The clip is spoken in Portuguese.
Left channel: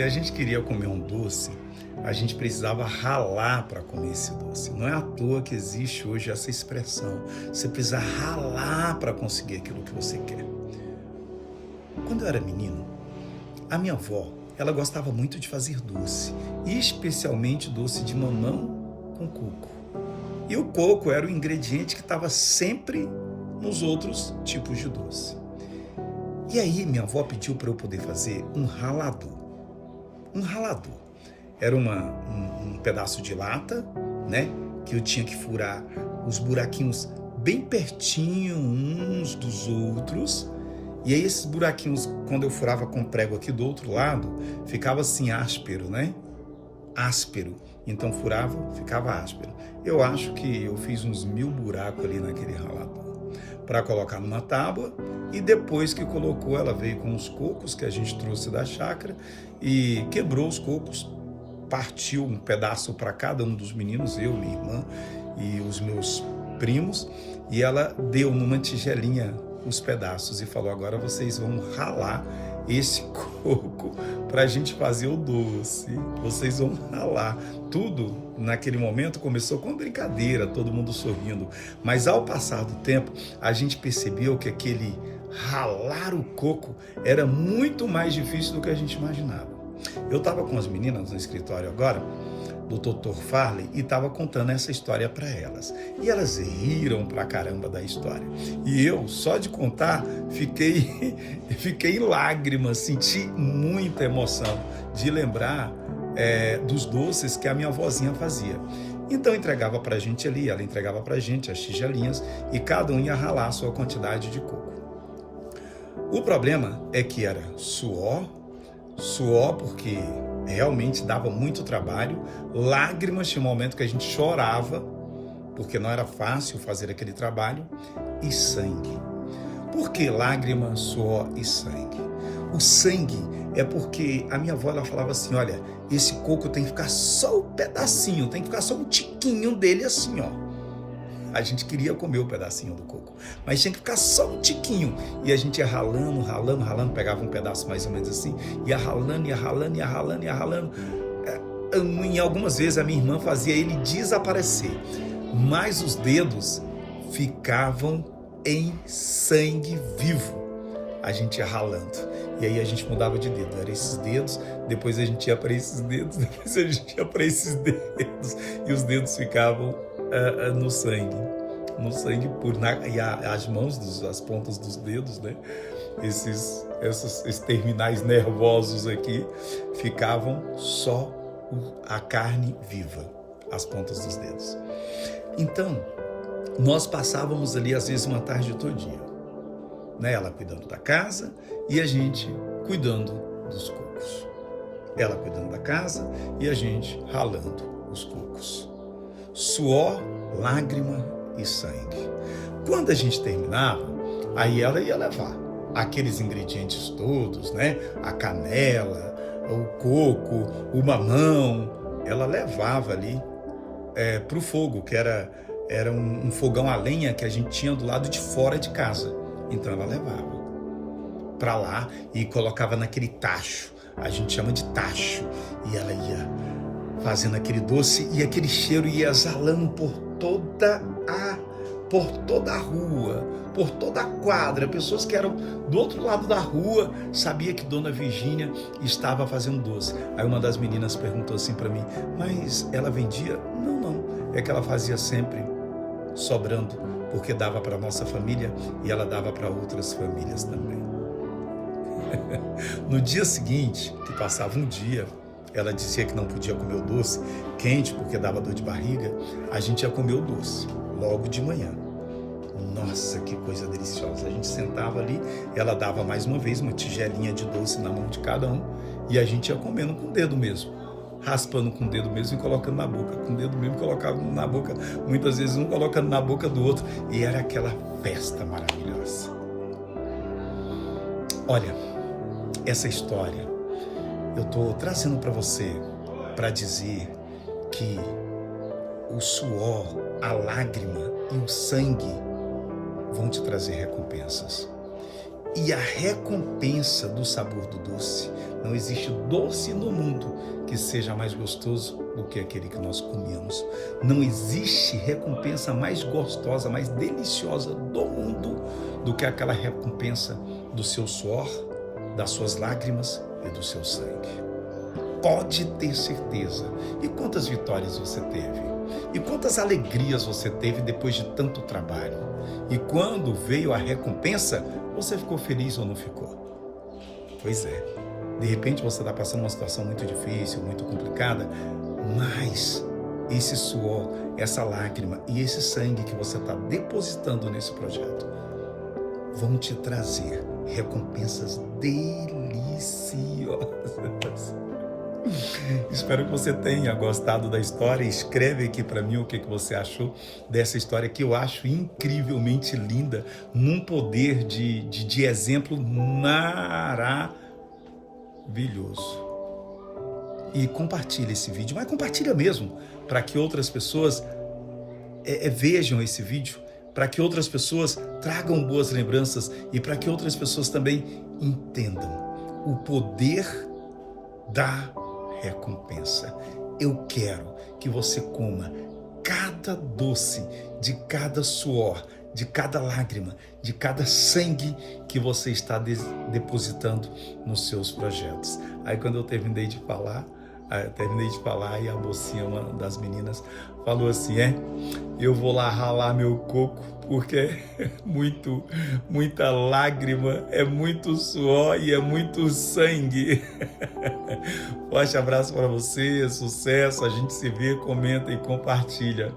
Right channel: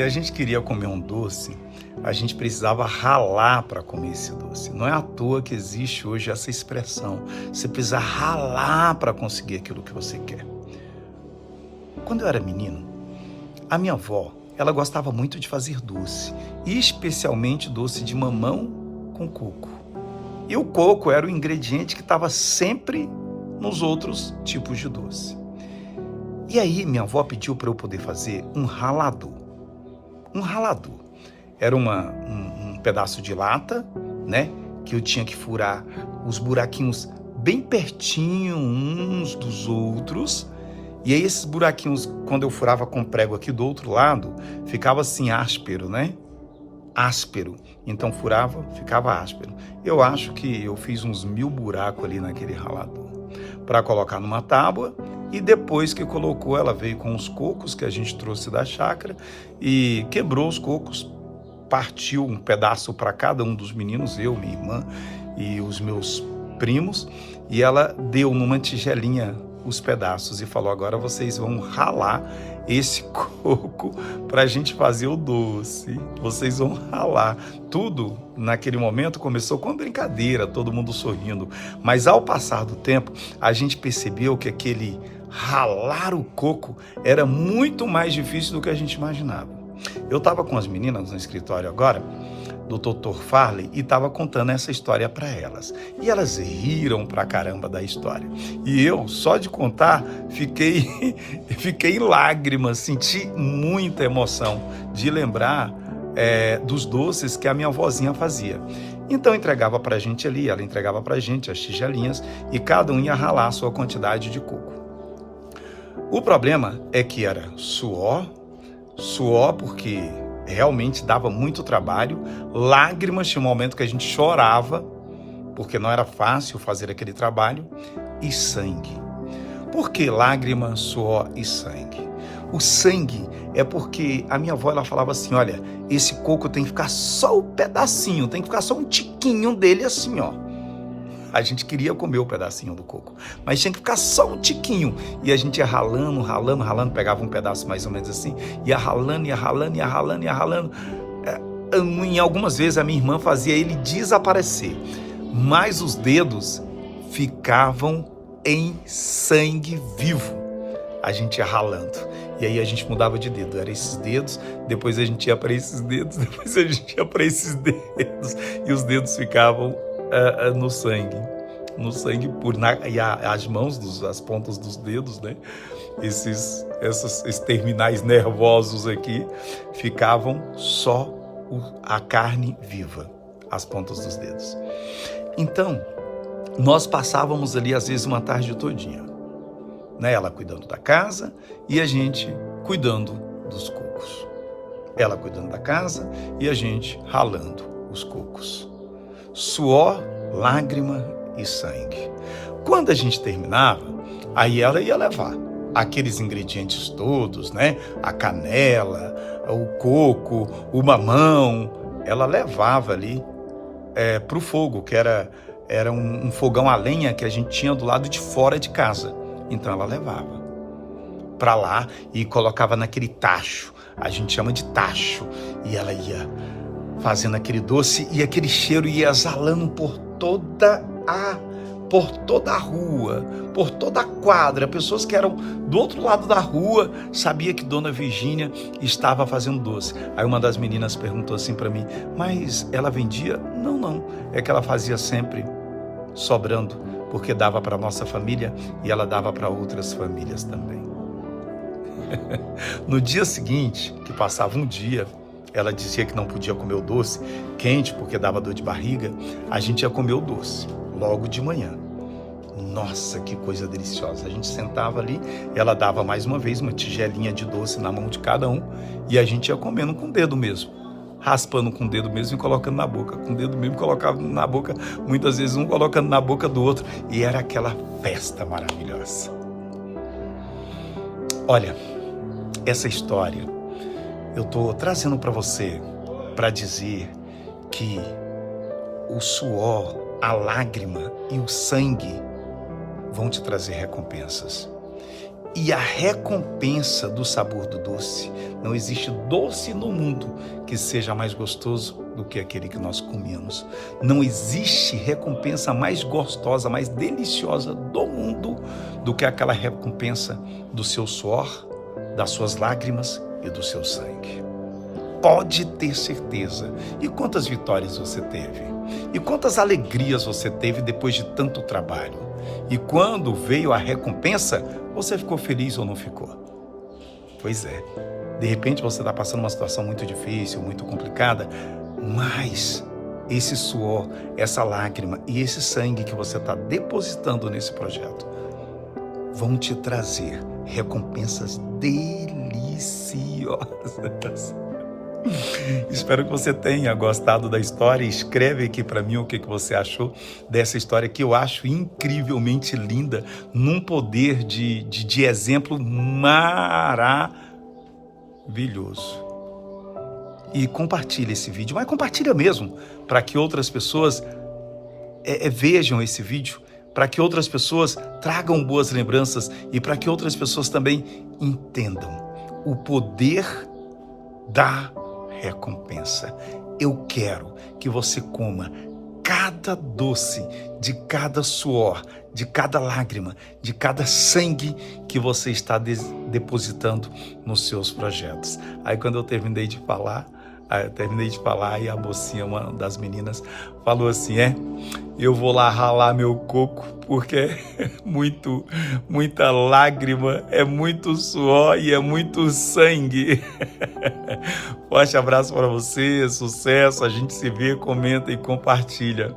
Se a gente queria comer um doce, a gente precisava ralar para comer esse doce. Não é à toa que existe hoje essa expressão. Você precisa ralar para conseguir aquilo que você quer. Quando eu era menino, a minha avó, ela gostava muito de fazer doce, e especialmente doce de mamão com coco. E o coco era o ingrediente que estava sempre nos outros tipos de doce. E aí minha avó pediu para eu poder fazer um ralador. Um ralador. Era um pedaço de lata, né? Que eu tinha que furar os buraquinhos bem pertinho uns dos outros. E aí esses buraquinhos, quando eu furava com prego aqui do outro lado, ficava assim áspero, né? Áspero. Então furava, ficava áspero. Eu acho que eu fiz uns 1000 buracos ali naquele ralador para colocar numa tábua, e depois que colocou, ela veio com os cocos que a gente trouxe da chácara e quebrou os cocos, partiu um pedaço para cada um dos meninos, eu, minha irmã e os meus primos, e ela deu numa tigelinha os pedaços e falou: agora vocês vão ralar esse coco para a gente fazer o doce. Vocês vão ralar. Tudo naquele momento começou com uma brincadeira, todo mundo sorrindo, mas ao passar do tempo a gente percebeu que aquele ralar o coco era muito mais difícil do que a gente imaginava. Eu estava com as meninas no escritório agora, do Dr. Farley, e estava contando essa história para elas. E elas riram pra caramba da história. E eu, só de contar, fiquei em lágrimas, senti muita emoção de lembrar dos doces que a minha vozinha fazia. Então entregava pra gente ali, ela entregava pra gente as tigelinhas e cada um ia ralar a sua quantidade de coco. O problema é que era suor porque realmente dava muito trabalho, lágrimas, tinha um momento que a gente chorava, porque não era fácil fazer aquele trabalho, e sangue. Por que lágrima, suor e sangue? O sangue é porque a minha avó, ela falava assim: olha, esse coco tem que ficar só um pedacinho, tem que ficar só um tiquinho dele assim, ó. A gente queria comer o pedacinho do coco, mas tinha que ficar só um tiquinho. E a gente ia ralando, pegava um pedaço mais ou menos assim, ia ralando. Em algumas vezes a minha irmã fazia ele desaparecer, mas os dedos ficavam em sangue vivo. A gente ia ralando, e aí a gente mudava de dedo. Era esses dedos, depois a gente ia para esses dedos, depois a gente ia para esses dedos, e os dedos ficavam no sangue puro, e as mãos, as pontas dos dedos, né? Esses terminais nervosos aqui ficavam só a carne viva, as pontas dos dedos. Então, nós passávamos ali às vezes uma tarde todinha, né? Ela cuidando da casa e a gente cuidando dos cocos. Ela cuidando da casa e a gente ralando os cocos. Suor, lágrima e sangue. Quando a gente terminava, aí ela ia levar aqueles ingredientes todos, né? A canela, o coco, o mamão. Ela levava ali para o fogo, que era um fogão a lenha que a gente tinha do lado de fora de casa. Então ela levava para lá e colocava naquele tacho. A gente chama de tacho. E ela ia fazendo aquele doce e aquele cheiro ia exalando por toda a rua, por toda a quadra. Pessoas que eram do outro lado da rua sabia que Dona Virgínia estava fazendo doce. Aí uma das meninas perguntou assim para mim: mas ela vendia? Não, é que ela fazia sempre sobrando, porque dava para nossa família e ela dava para outras famílias também. No dia seguinte, que passava um dia, ela dizia que não podia comer o doce quente porque dava dor de barriga. A gente ia comer o doce logo de manhã. Nossa, que coisa deliciosa. A gente sentava ali, ela dava mais uma vez uma tigelinha de doce na mão de cada um e a gente ia comendo com o dedo mesmo, raspando com o dedo mesmo e colocando na boca. Com o dedo mesmo colocava na boca, muitas vezes um colocando na boca do outro, e era aquela festa maravilhosa. Olha, essa história eu estou trazendo para você para dizer que o suor, a lágrima e o sangue vão te trazer recompensas. e a recompensa do sabor do doce. Não existe doce no mundo que seja mais gostoso do que aquele que nós comemos. Não existe recompensa mais gostosa, mais deliciosa do mundo do que aquela recompensa do seu suor, das suas lágrimas e do seu sangue. Pode ter certeza. E quantas vitórias você teve? E quantas alegrias você teve depois de tanto trabalho? E quando veio a recompensa, você ficou feliz ou não ficou? Pois é. De repente você está passando uma situação muito difícil, muito complicada, mas esse suor, essa lágrima e esse sangue que você está depositando nesse projeto vão te trazer recompensas deliciosas. Espero que você tenha gostado da história. Escreve aqui para mim o que você achou dessa história, que eu acho incrivelmente linda, num poder de exemplo maravilhoso. E compartilha esse vídeo, mas compartilha mesmo, para que outras pessoas vejam esse vídeo, para que outras pessoas tragam boas lembranças e para que outras pessoas também entendam o poder da recompensa. Eu quero que você coma cada doce, de cada suor, de cada lágrima, de cada sangue que você está depositando nos seus projetos. Aí quando eu terminei de falar e a mocinha, uma das meninas, falou assim, eu vou lá ralar meu coco, porque é muita lágrima, é muito suor e é muito sangue. Forte abraço para você, sucesso, a gente se vê, comenta e compartilha.